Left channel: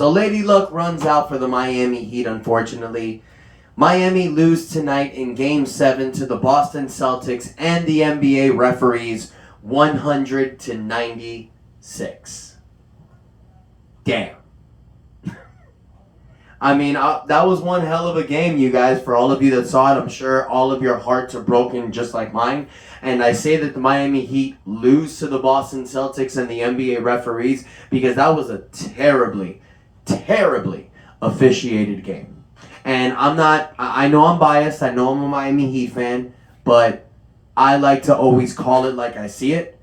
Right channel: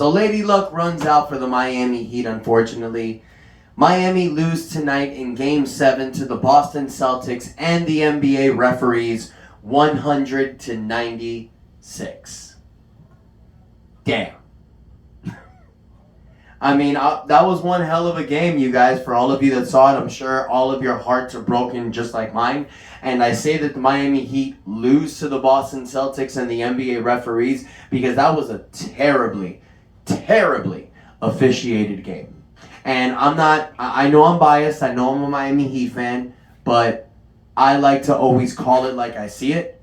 So Lady Luck runs out for the Miami Heat, unfortunately. Miami lose tonight in Game 7 to the Boston Celtics and the NBA referees 100-96. Damn. I mean, that was one hell of a game, you guys. For all of you that saw it, I'm sure all of your hearts are broken just like mine. And I say that the Miami Heat lose to the Boston Celtics and the NBA referees because that was a terribly, terribly officiated game. And I know I'm biased. I know I'm a Miami Heat fan, but I like to always call it like I see it.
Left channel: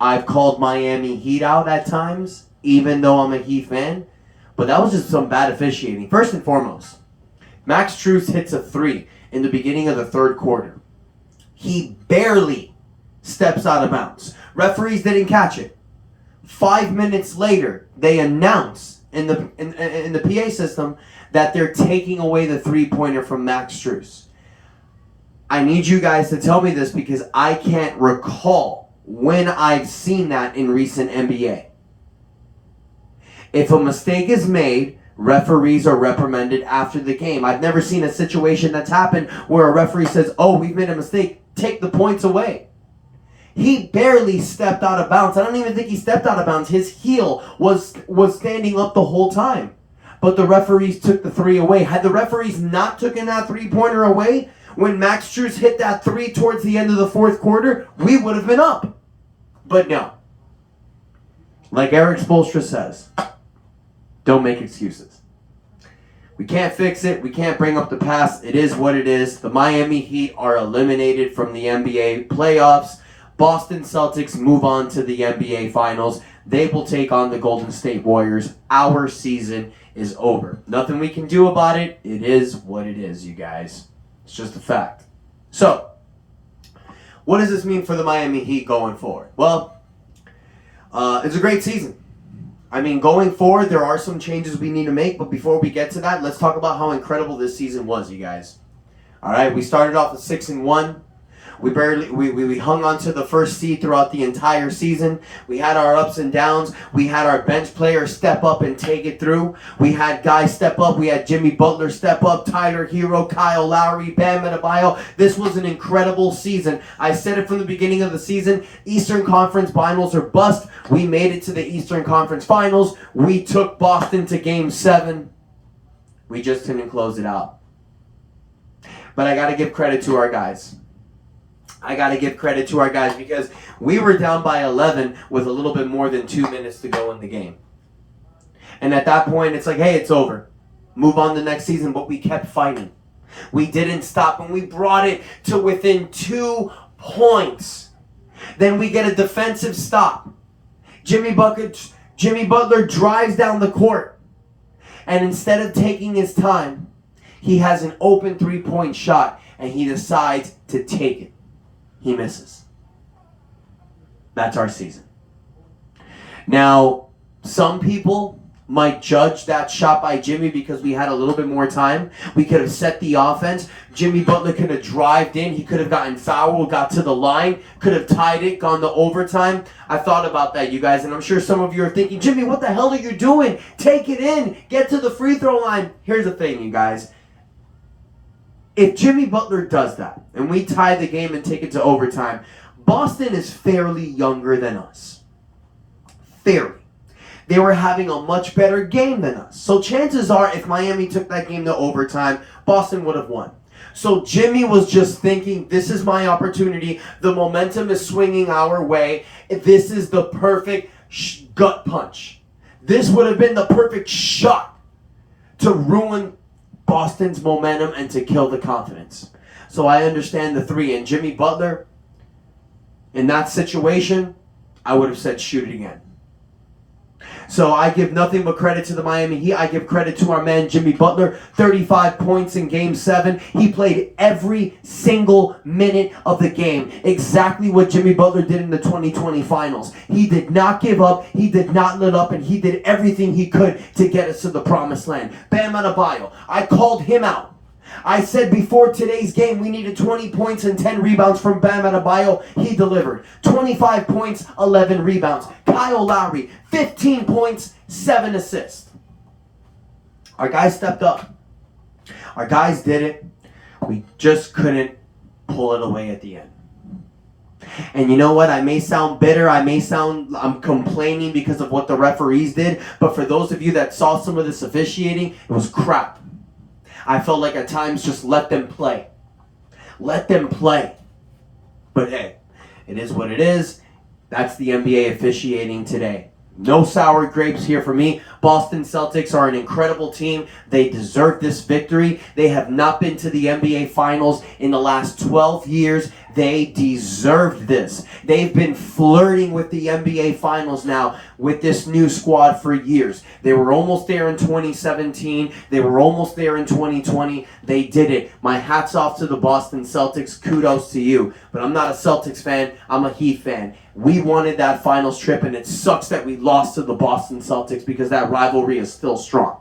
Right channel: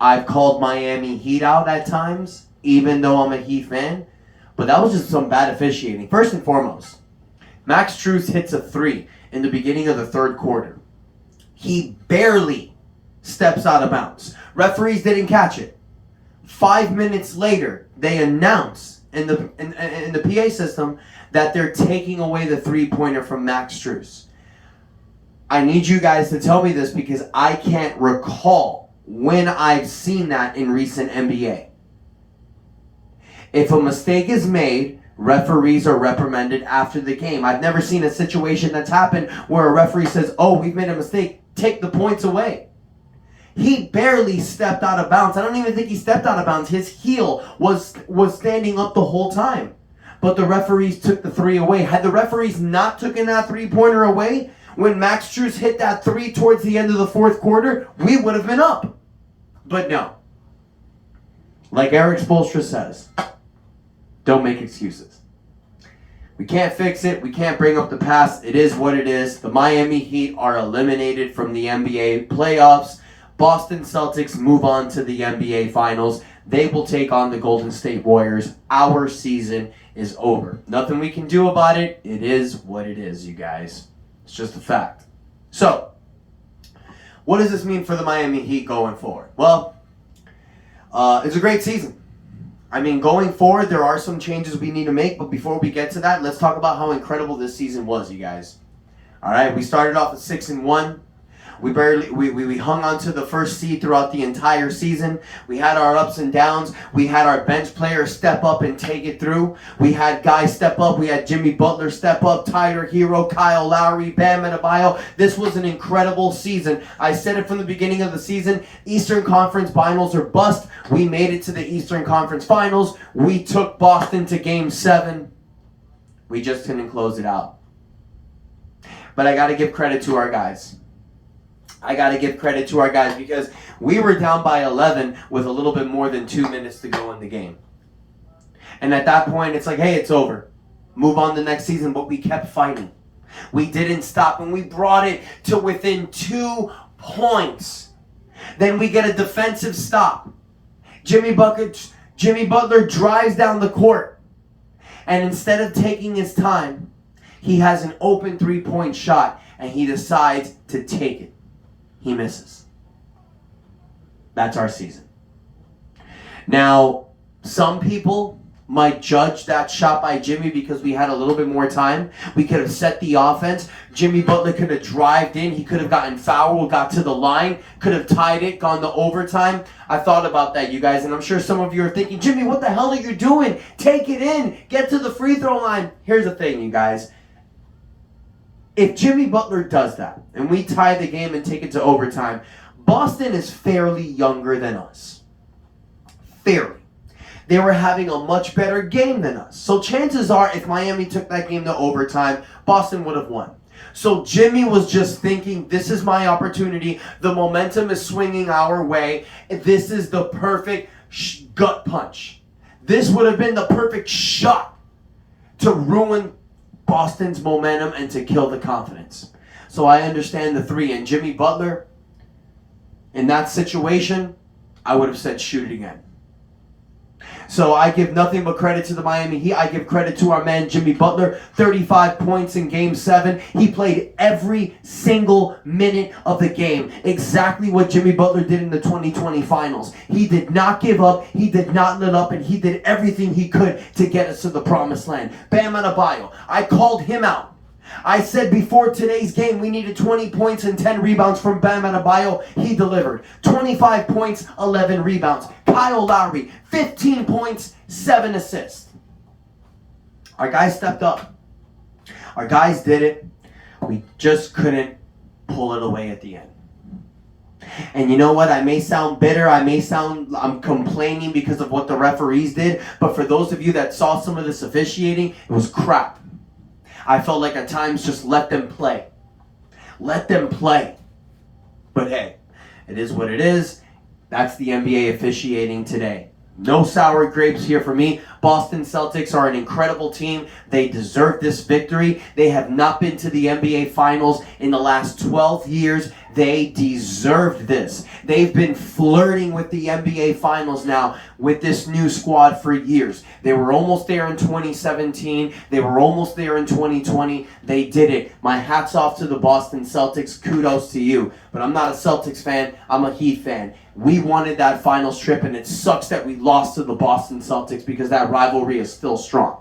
I've called Miami Heat out at times, even though I'm a Heat fan. But that was just some bad officiating. First and foremost, Max Strus hits a 3 in the beginning of the third quarter. He barely steps out of bounds. Referees didn't catch it. 5 minutes later, they announce in the PA system that they're taking away the three-pointer from Max Strus. I need you guys to tell me this because I can't recall when I've seen that in recent NBA. If a mistake is made, referees are reprimanded after the game. I've never seen a situation that's happened where a referee says, oh, we've made a mistake, take the points away. He barely stepped out of bounds. I don't even think he stepped out of bounds. His heel was standing up the whole time. But the referees took the 3 away. Had the referees not taken that three-pointer away, when Max Strus hit that 3 towards the end of the fourth quarter, we would have been up. But no. Like Eric Spoelstra says, don't make excuses. We can't fix it. We can't bring up the past. It is what it is. The Miami Heat are eliminated from the NBA playoffs. Boston Celtics move on to the NBA Finals. They will take on the Golden State Warriors. Our season is over. Nothing we can do about it. It is what it is, you guys. It's just a fact. So, what does this mean for the Miami Heat going forward? Well, it's a great season. I mean, going forward, there are some changes we need to make, but before we get to that, let's talk about how incredible this season was, you guys. All right, we started off at 6-1. We hung on to the first seed throughout the entire season. We had our ups and downs. We had our bench players step up and take it through. We had guys step up. We had Jimmy Butler step up, Tyler Hero, Kyle Lowry, Bam Adebayo. This was an incredible season. I said it from the beginning of the season. Eastern Conference Finals or bust. We made it to the Eastern Conference Finals. We took Boston to Game 7. We just couldn't close it out. But I got to give credit to our guys. Because we were down by 11 with a little bit more than 2 minutes to go in the game. And at that point, it's like, hey, it's over. Move on to the next season. But we kept fighting. We didn't stop, and we brought it to within 2 points. Then we get a defensive stop. Jimmy Butler drives down the court. And instead of taking his time, he has an open 3-point shot, and he decides to take it. He misses. That's our season. Now, some people might judge that shot by Jimmy because we had a little bit more time. We could have set the offense. Jimmy Butler could have drived in. He could have gotten fouled, got to the line, could have tied it, gone to overtime. I thought about that, you guys, and I'm sure some of you are thinking, Jimmy, what the hell are you doing? Take it in. Get to the free throw line. Here's the thing, you guys. If Jimmy Butler does that, and we tie the game and take it to overtime, Boston is fairly younger than us. Fairly. They were having a much better game than us. So chances are, if Miami took that game to overtime, Boston would have won. So Jimmy was just thinking, this is my opportunity. The momentum is swinging our way. This is the perfect gut punch. This would have been the perfect shot to ruin Boston's momentum and to kill the confidence. So I understand the 3. And Jimmy Butler, in that situation, I would have said shoot it again. So I give nothing but credit to the Miami Heat. I give credit to our man Jimmy Butler. 35 points in Game 7. He played every single minute of the game. Exactly what Jimmy Butler did in the 2020 Finals. He did not give up. He did not let up. And he did everything he could to get us to the promised land. Bam Adebayo. I called him out. I said before today's game we needed 20 points and 10 rebounds from Bam Adebayo. He delivered. 25 points, 11 rebounds. Kyle Lowry, 15 points, 7 assists. Our guys stepped up. Our guys did it. We just couldn't pull it away at the end. And you know what? I may sound bitter. I'm complaining because of what the referees did. But for those of you that saw some of this officiating, it was crap. I felt like at times just let them play. Let them play. But hey, it is what it is. That's the NBA officiating today. No sour grapes here for me. Boston Celtics are an incredible team. They deserve this victory. They have not been to the NBA Finals in the last 12 years. They deserved this. They've been flirting with the NBA Finals now with this new squad for years. They were almost there in 2017. They were almost there in 2020. They did it. My hat's off to the Boston Celtics. Kudos to you. But I'm not a Celtics fan. I'm a Heat fan. We wanted that finals trip, and it sucks that we lost to the Boston Celtics because that rivalry is still strong.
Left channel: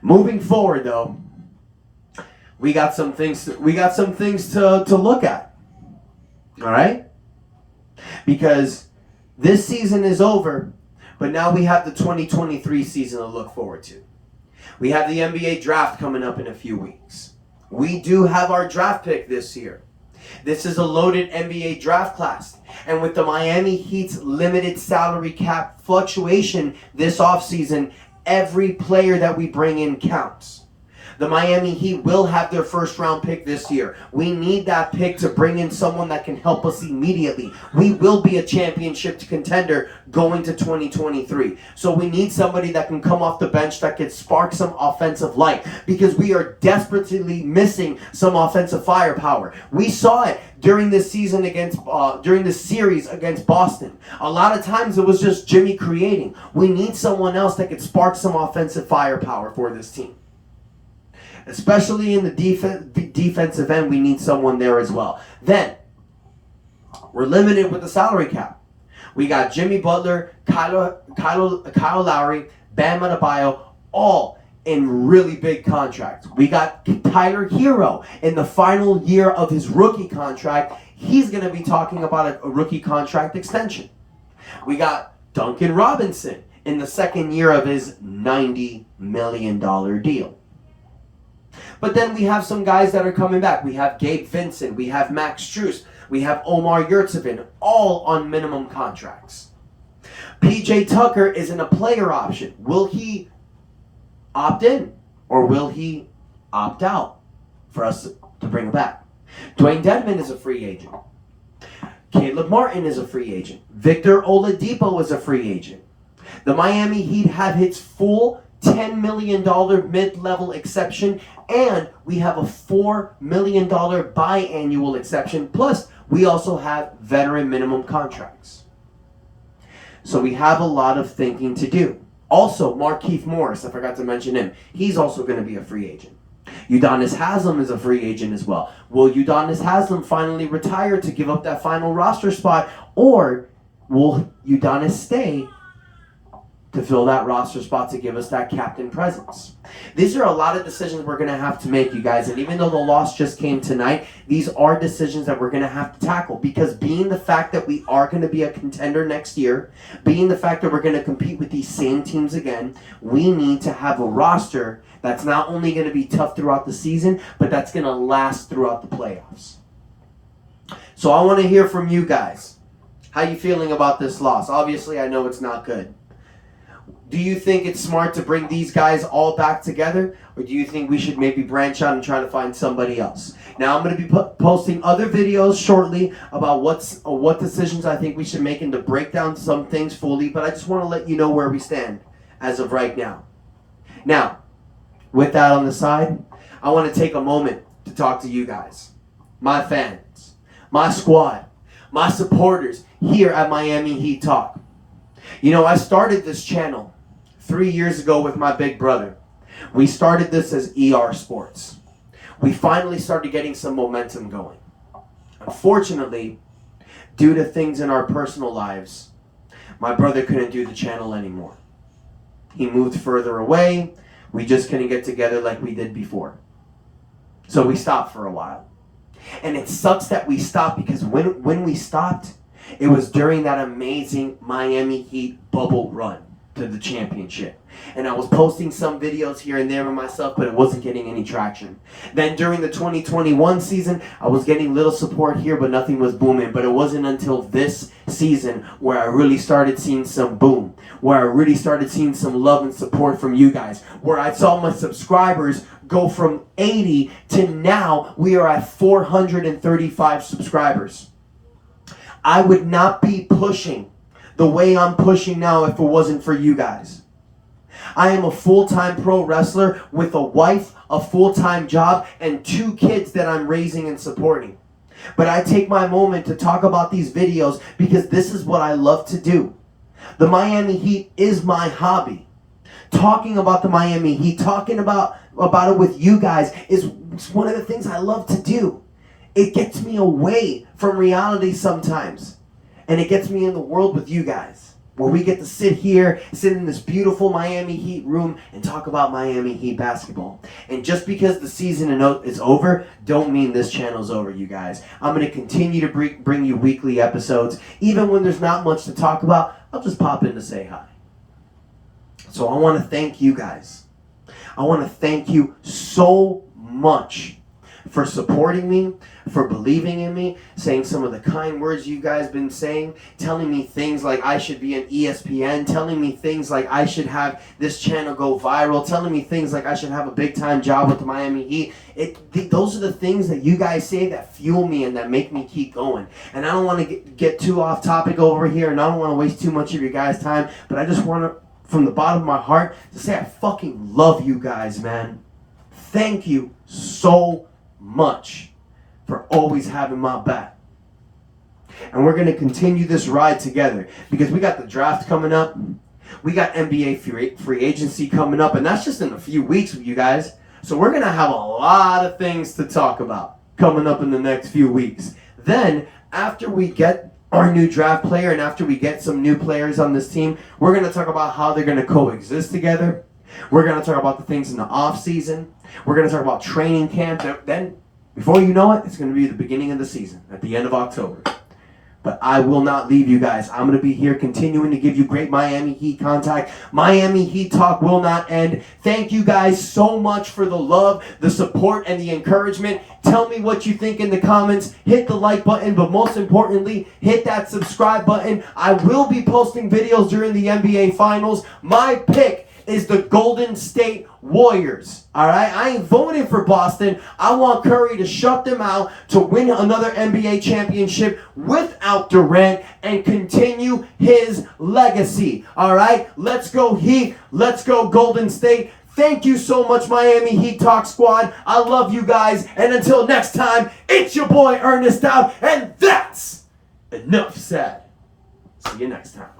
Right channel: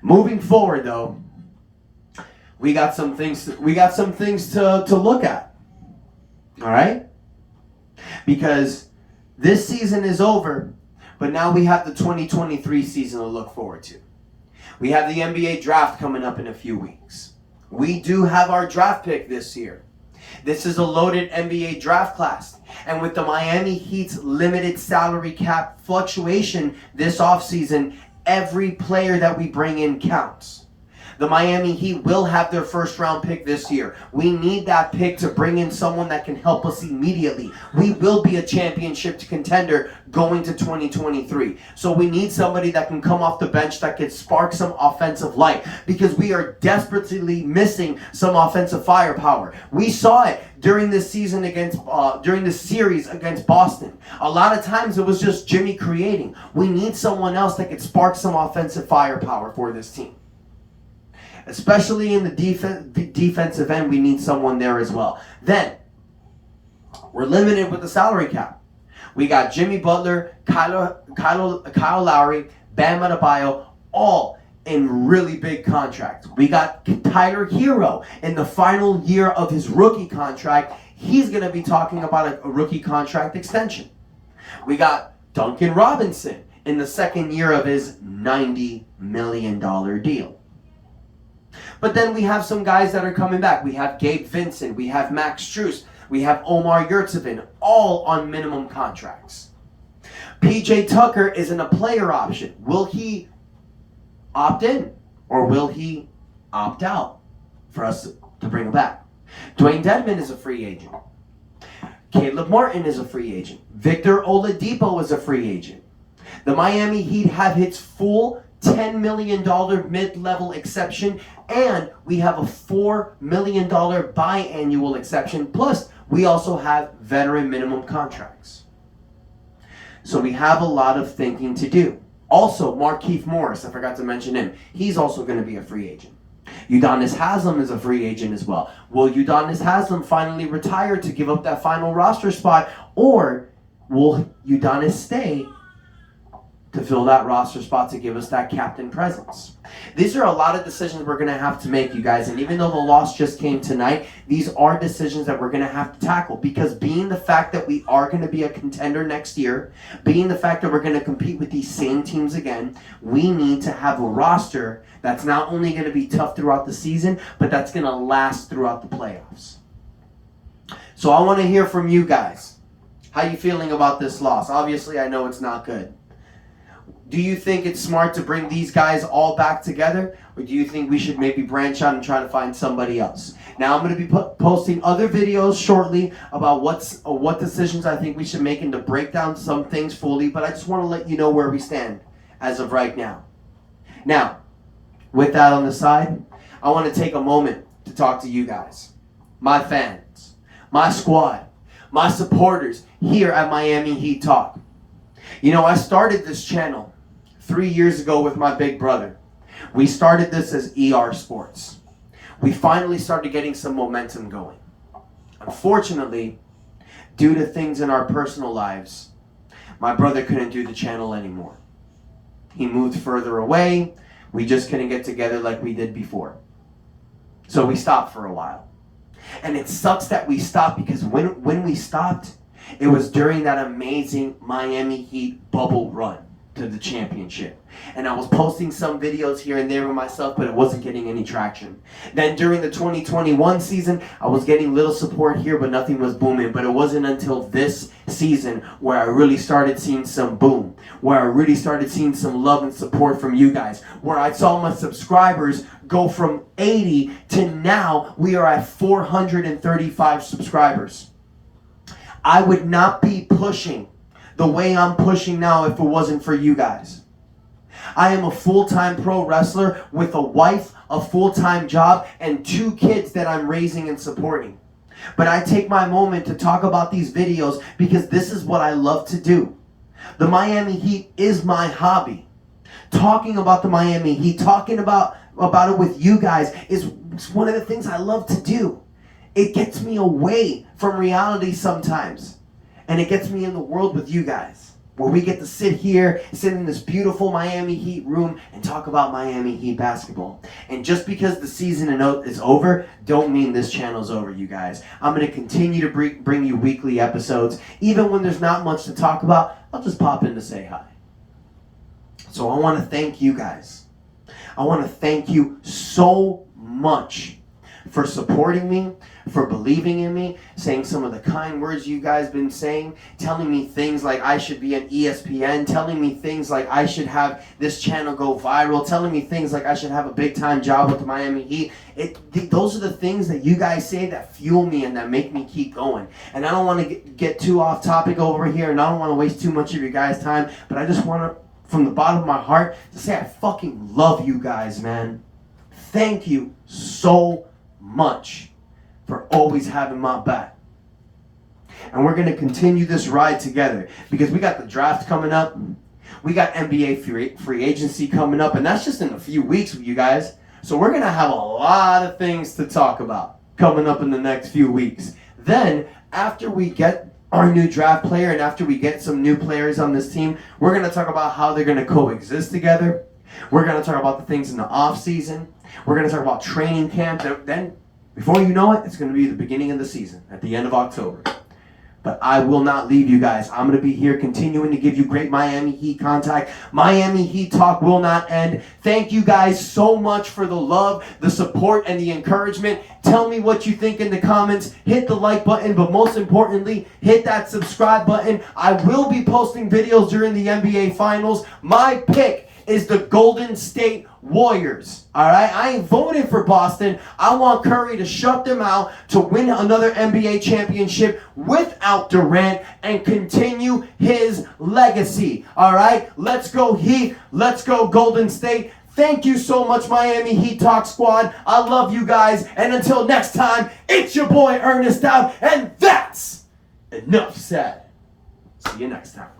Moving forward, though, we got some things to look at. All right? Because this season is over, but now we have the 2023 season to look forward to. We have the NBA draft coming up in a few weeks. We do have our draft pick this year. This is a loaded NBA draft class. And with the Miami Heat's limited salary cap fluctuation this offseason, every player that we bring in counts. The Miami Heat will have their first round pick this year. We need that pick to bring in someone that can help us immediately. We will be a championship contender going to 2023. So we need somebody that can come off the bench that can spark some offensive light because we are desperately missing some offensive firepower. We saw it during this season during this series against Boston. A lot of times it was just Jimmy creating. We need someone else that could spark some offensive firepower for this team. Especially in the defensive end, we need someone there as well. Then, we're limited with the salary cap. We got Jimmy Butler, Kyle Lowry, Bam Adebayo, all in really big contracts. We got Tyler Hero in the final year of his rookie contract. He's going to be talking about a rookie contract extension. We got Duncan Robinson in the second year of his $90 million deal. But then we have some guys that are coming back. We have Gabe Vincent. We have Max Strus. We have Omar Yurtseven, all on minimum contracts. PJ Tucker isn't a player option. Will he opt in or will he opt out for us to bring him back? Dwayne Dedmon is a free agent. Caleb Martin is a free agent. Victor Oladipo is a free agent. The Miami Heat have its full $10 million mid-level exception, and we have a $4 million biannual exception, plus we also have veteran minimum contracts. So we have a lot of thinking to do. Also, Markieff Morris, I forgot to mention him, he's also going to be a free agent. Udonis Haslem is a free agent as well. Will Udonis Haslem finally retire to give up that final roster spot, or will Udonis stay to fill that roster spot to give us that captain presence? These are a lot of decisions we're going to have to make, you guys. And even though the loss just came tonight, these are decisions that we're going to have to tackle. Because being the fact that we are going to be a contender next year, being the fact that we're going to compete with these same teams again, we need to have a roster that's not only going to be tough throughout the season, but that's going to last throughout the playoffs. So I want to hear from you guys. How you feeling about this loss? Obviously, I know it's not good. Do you think it's smart to bring these guys all back together? Or do you think we should maybe branch out and try to find somebody else? Now, I'm going to be posting other videos shortly about what decisions I think we should make and to break down some things fully. But I just want to let you know where we stand as of right now. Now, with that on the side, I want to take a moment to talk to you guys. My fans, my squad, my supporters here at Miami Heat Talk. You know, I started this channel 3 years ago with my big brother. We started this as ER Sports. We finally started getting some momentum going. Unfortunately, due to things in our personal lives, my brother couldn't do the channel anymore. He moved further away. We just couldn't get together like we did before. So we stopped for a while. And it sucks that we stopped because when we stopped, it was during that amazing Miami Heat bubble run. to the championship. And I was posting some videos here and there of myself, but it wasn't getting any traction. Then during the 2021 season, I was getting little support here, but nothing was booming. But it wasn't until this season where I really started seeing some boom, where I really started seeing some love and support from you guys, where I saw my subscribers go from 80 to now we are at 435 subscribers. I would not be pushing the way I'm pushing now if it wasn't for you guys. I am a full-time pro wrestler with a wife, a full-time job, and 2 kids that I'm raising and supporting. But I take my moment to talk about these videos because this is what I love to do. The Miami Heat is my hobby. Talking about the Miami Heat, talking about it with you guys is one of the things I love to do. It gets me away from reality sometimes. And it gets me in the world with you guys, where we get to sit in this beautiful Miami Heat room and talk about Miami Heat basketball. And just because the season is over, don't mean this channel's over, you guys. I'm going to continue to bring you weekly episodes. Even when there's not much to talk about, I'll just pop in to say hi. So I want to thank you guys. I want to thank you so much for supporting me, for believing in me, saying some of the kind words you guys been saying, telling me things like I should be on ESPN, telling me things like I should have this channel go viral, telling me things like I should have a big-time job with the Miami Heat. Those are the things that you guys say that fuel me and that make me keep going. And I don't want to get too off topic over here, and I don't want to waste too much of your guys' time, but I just want to, from the bottom of my heart, to say I fucking love you guys, man. Thank you so much for always having my back. And we're going to continue this ride together because we got the draft coming up. We got NBA free agency coming up, and that's just in a few weeks with you guys. So we're going to have a lot of things to talk about coming up in the next few weeks. Then, after we get our new draft player and after we get some new players on this team, we're going to talk about how they're going to coexist together. We're going to talk about the things in the off season. We're going to talk about training camp. Then, before you know it, it's going to be the beginning of the season, at the end of October. But I will not leave you guys. I'm going to be here continuing to give you great Miami Heat contact. Miami Heat talk will not end. Thank you guys so much for the love, the support, and the encouragement. Tell me what you think in the comments. Hit the like button, but most importantly, hit that subscribe button. I will be posting videos during the NBA Finals. My pick is the Golden State Warriors. All right, I ain't voting for Boston. I want Curry to shut them out, to win another NBA championship without Durant and continue his legacy. All right, let's go Heat. Let's go Golden State. Thank you so much, Miami Heat Talk Squad. I love you guys. And until next time, it's your boy Ernest out. And that's enough said. See you next time.